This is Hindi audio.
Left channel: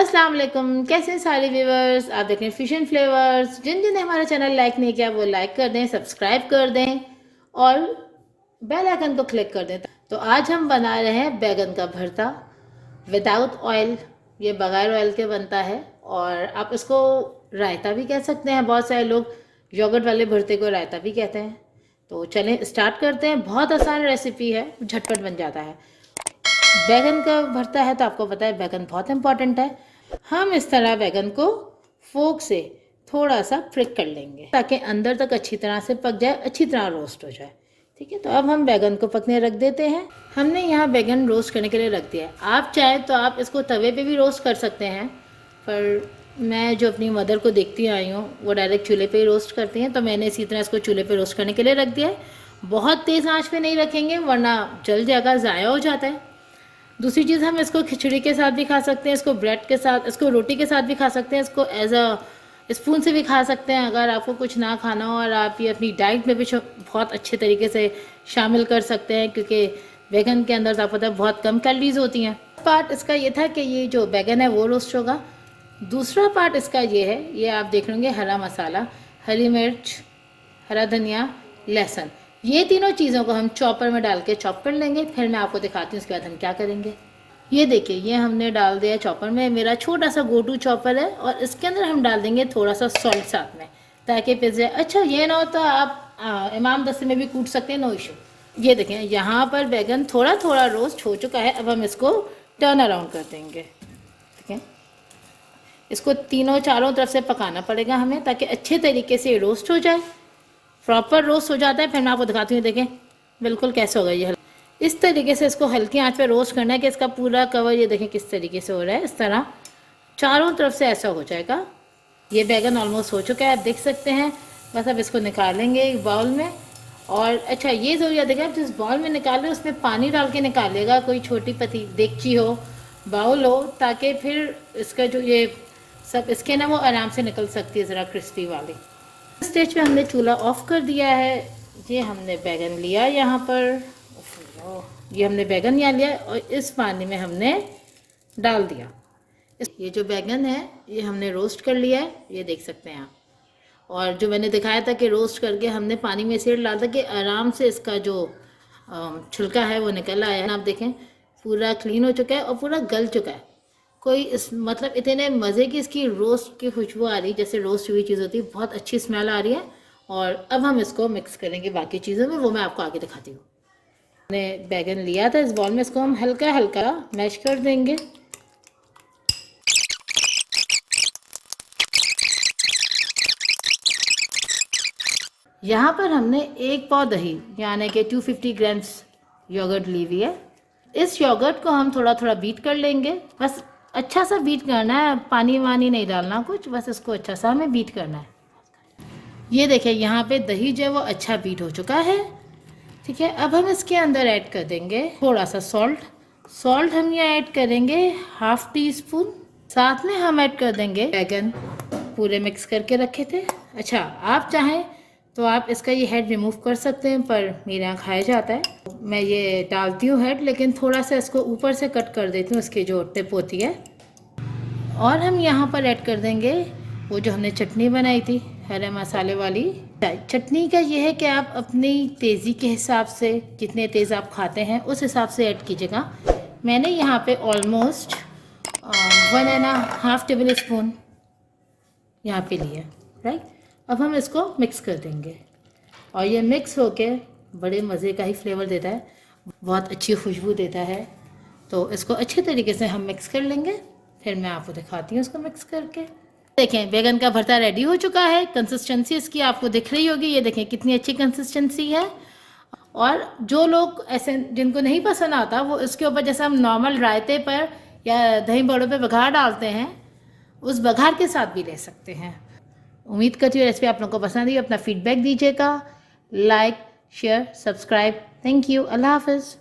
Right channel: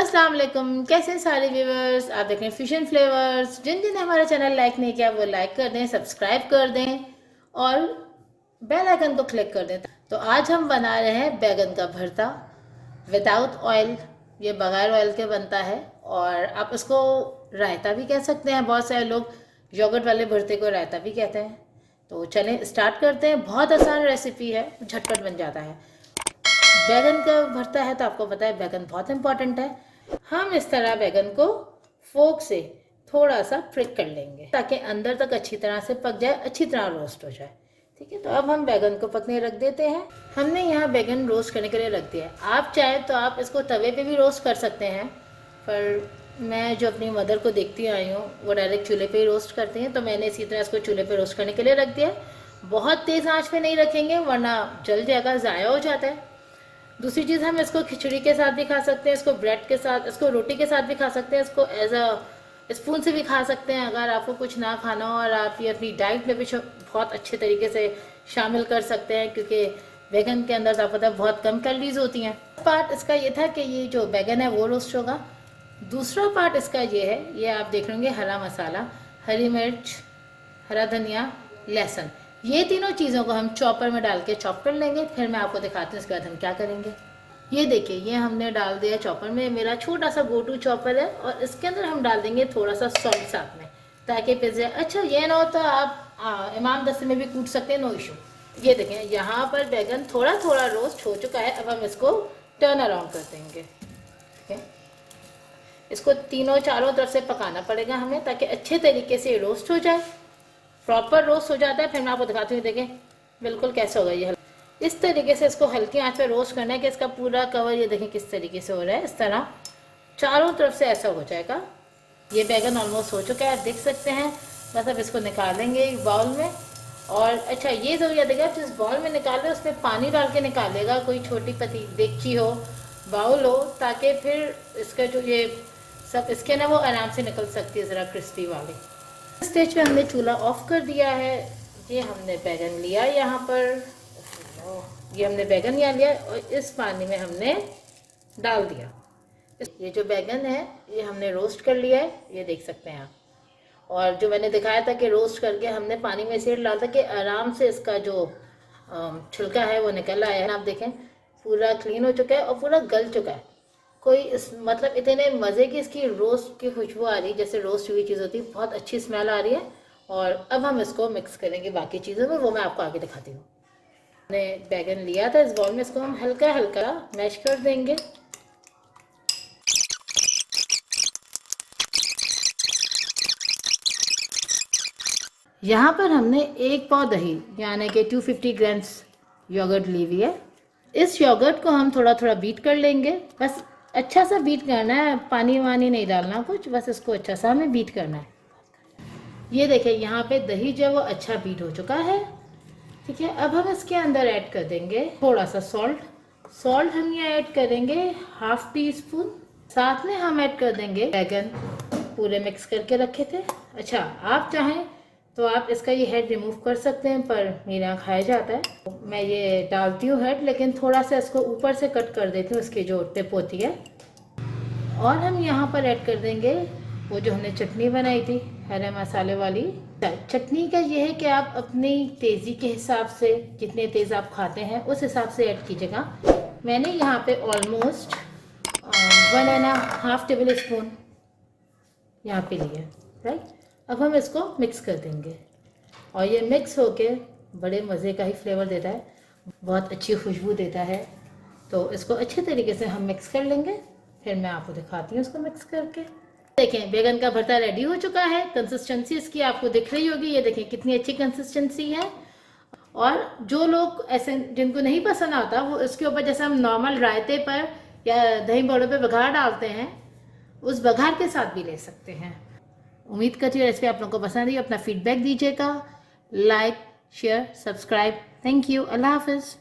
अस्सलाम वालेकुम, कैसे हैं सारे व्यूवर्स। आप देख रहे हैं फ्यूजन फ्लेवर्स। जिन जिन ने हमारा चैनल लाइक नहीं किया वो लाइक कर दें, सब्सक्राइब कर दें और बेल आइकन को क्लिक कर दें। तो आज हम बना रहे हैं बैगन का भरता विदाउट ऑयल। ये बगैर ऑयल के बनता है और आप इसको रायता भी कह सकते हैं। बहुत सारे लोग योगर्ट वाले भरते को रायता भी कहते हैं। तो चलें स्टार्ट करते हैं। बहुत आसान रेसिपी है, झटपट बन जाता है। बैगन का भरता है तो आपको पता है बैगन बहुत इंपॉर्टेंट है। हम इस तरह बैगन को फोक से थोड़ा सा फ्रिक कर लेंगे ताकि अंदर तक अच्छी तरह से पक जाए, अच्छी तरह रोस्ट हो जाए। ठीक है, तो अब हम बैगन को पकने रख देते हैं। हमने यहाँ बैगन रोस्ट करने के लिए रख दिया है। आप चाहें तो आप इसको तवे पे भी रोस्ट कर सकते हैं, पर मैं जो अपनी मदर को देखती आई हूँ वो डायरेक्ट चूल्हे पे ही रोस्ट करती हैं, तो मैंने इसी तरह इसको चूल्हे पे रोस्ट करने के लिए रख दिया है। बहुत तेज़ आंच पे नहीं रखेंगे वरना जल जाएगा, ज़ाया हो जाता है। दूसरी चीज़, हम इसको खिचड़ी के साथ भी खा सकते हैं, इसको ब्रेड के साथ, इसको रोटी के साथ भी खा सकते हैं, इसको एज अ स्पून से भी खा सकते हैं। अगर आपको कुछ ना खाना हो और आप ये अपनी डाइट में भी बहुत अच्छे तरीके से शामिल कर सकते हैं, क्योंकि बैगन के अंदर तो आपको पता है बहुत कम कैलोरीज होती हैं। पार्ट इसका ये था कि ये जो बैगन है वो रोस्ट होगा। दूसरा पार्ट इसका ये है, ये आप देख लेंगे हरा मसाला, हरी मिर्च, हरा धनिया, लहसुन, ये तीनों चीज़ों को हम चॉपर में डाल के चॉप कर लेंगे। फिर मैं आपको दिखाती हूँ उसके बाद हम क्या करेंगे। ये देखिए, ये हमने डाल दिया चॉपर में। मेरा छोटा सा गो टू चॉपर है और इसके अंदर हम डाल देंगे थोड़ा सा सॉल्ट साथ में ताकि पिस जाए। अच्छा, ये ना होता आप इमाम दस्ते में भी कूट सकते हैं, नो इशू। ये देखें, यहाँ पर बैगन थोड़ा थोड़ा रोस्ट हो चुका है। अब हम इसको टर्न अराउंड कर देंगे। ठीक है, इसको तीनों चारों तरफ से पकाना पड़ेगा हमें ताकि अच्छे तरीके से रोस्ट हो जाए। प्रॉपर रोस्ट हो जाता है, फिर मैं आपको दिखाती हूँ। देखें बिल्कुल कैसे होगा ये। इस तरीके से इसको हल्की आंच पे रोस्ट करना है कि इसका पूरा कवर, ये देखें किस तरीके से हो रहा है। इस तरह चारों तरफ से ऐसा हो जाएगा। ये बैगन ऑलमोस्ट हो चुका है, आप देख सकते हैं। बस अब इसको निकालेंगे एक बाउल में। और अच्छा, ये ज़रूर याद रखिएगा, जिस बाउल में निकाले उसमें पानी डाल के निकालेगा। कोई छोटी पती देगची हो, बाउल हो, ताकि फिर इसका जो ये सब इसके ना वो आराम से निकल सकती है, ज़रा क्रिस्पी वाली। स्टेज पे हमने चूल्हा ऑफ कर दिया है। ये हमने बैगन लिया यहाँ पर, ये हमने बैगन यहाँ लिया और इस पानी में हमने डाल दिया। ये जो बैगन है ये हमने रोस्ट कर लिया है, ये देख सकते हैं आप। और जो मैंने दिखाया था कि रोस्ट करके हमने पानी में इसलिए डाला था कि आराम से इसका जो छिलका है वो निकल आया है। आप देखें पूरा क्लीन हो चुका है और पूरा गल चुका है। कोई इस मतलब इतने मज़े की इसकी रोस्ट की खुशबू आ रही है, जैसे रोस्ट हुई चीज़ होती है, बहुत अच्छी स्मेल आ रही है। और अब हम इसको मिक्स करेंगे बाकी चीज़ों में, वो मैं आपको आगे दिखाती हूँ। हमने बैगन लिया था इस बॉल में, इसको हम हल्का हल्का मैश कर देंगे। यहाँ पर हमने एक पाव दही यानी कि 250 ग्राम्स योगर्ट ली हुई है। इस योगर्ट को हम थोड़ा थोड़ा बीट कर लेंगे। बस अच्छा सा बीट करना है, पानी वानी नहीं डालना कुछ, बस इसको अच्छा सा हमें बीट करना है। ये देखिए, यहाँ पे दही जो है वो अच्छा बीट हो चुका है। ठीक है, अब हम इसके अंदर ऐड कर देंगे थोड़ा सा सॉल्ट हम यहाँ ऐड करेंगे हाफ टी स्पून। साथ में हम ऐड कर देंगे बैगन पूरे मिक्स करके रखे थे। अच्छा, आप चाहें तो आप इसका ये हेड रिमूव कर सकते हैं, पर मेरे यहाँ खाया जाता है। मैं ये डालती हूँ हेड, लेकिन थोड़ा सा इसको ऊपर से कट कर देती हूँ, इसकी जो टिप होती है। और हम यहाँ पर ऐड कर देंगे वो जो हमने चटनी बनाई थी हरे मसाले वाली। चटनी का ये है कि आप अपनी तेज़ी के हिसाब से, जितने तेज़ आप खाते हैं उस हिसाब से ऐड कीजिएगा। मैंने यहाँ पे ऑलमोस्ट 1.5 टेबल स्पून यहाँ पे लिया, राइट। अब हम इसको मिक्स कर देंगे और ये मिक्स होके बड़े मज़े का ही फ्लेवर देता है, बहुत अच्छी खुशबू देता है। तो इसको अच्छे तरीके से हम मिक्स कर लेंगे, फिर मैं आपको दिखाती हूँ इसको मिक्स करके। देखें, बैगन का भरता रेडी हो चुका है। कंसिस्टेंसी इसकी आपको दिख रही होगी, ये देखें कितनी अच्छी कंसिस्टेंसी है। और जो लोग ऐसे जिनको नहीं पसंद आता, वो इसके ऊपर जैसे हम नॉर्मल रायते पर या दही बड़ों पे बघार डालते हैं, उस बघार के साथ भी ले सकते हैं। उम्मीद करती हूँ रेसिपी आप लोगों को पसंद आई। अपना फीडबैक दीजिएगा, like share subscribe. Thank you, Allah हाफिज़।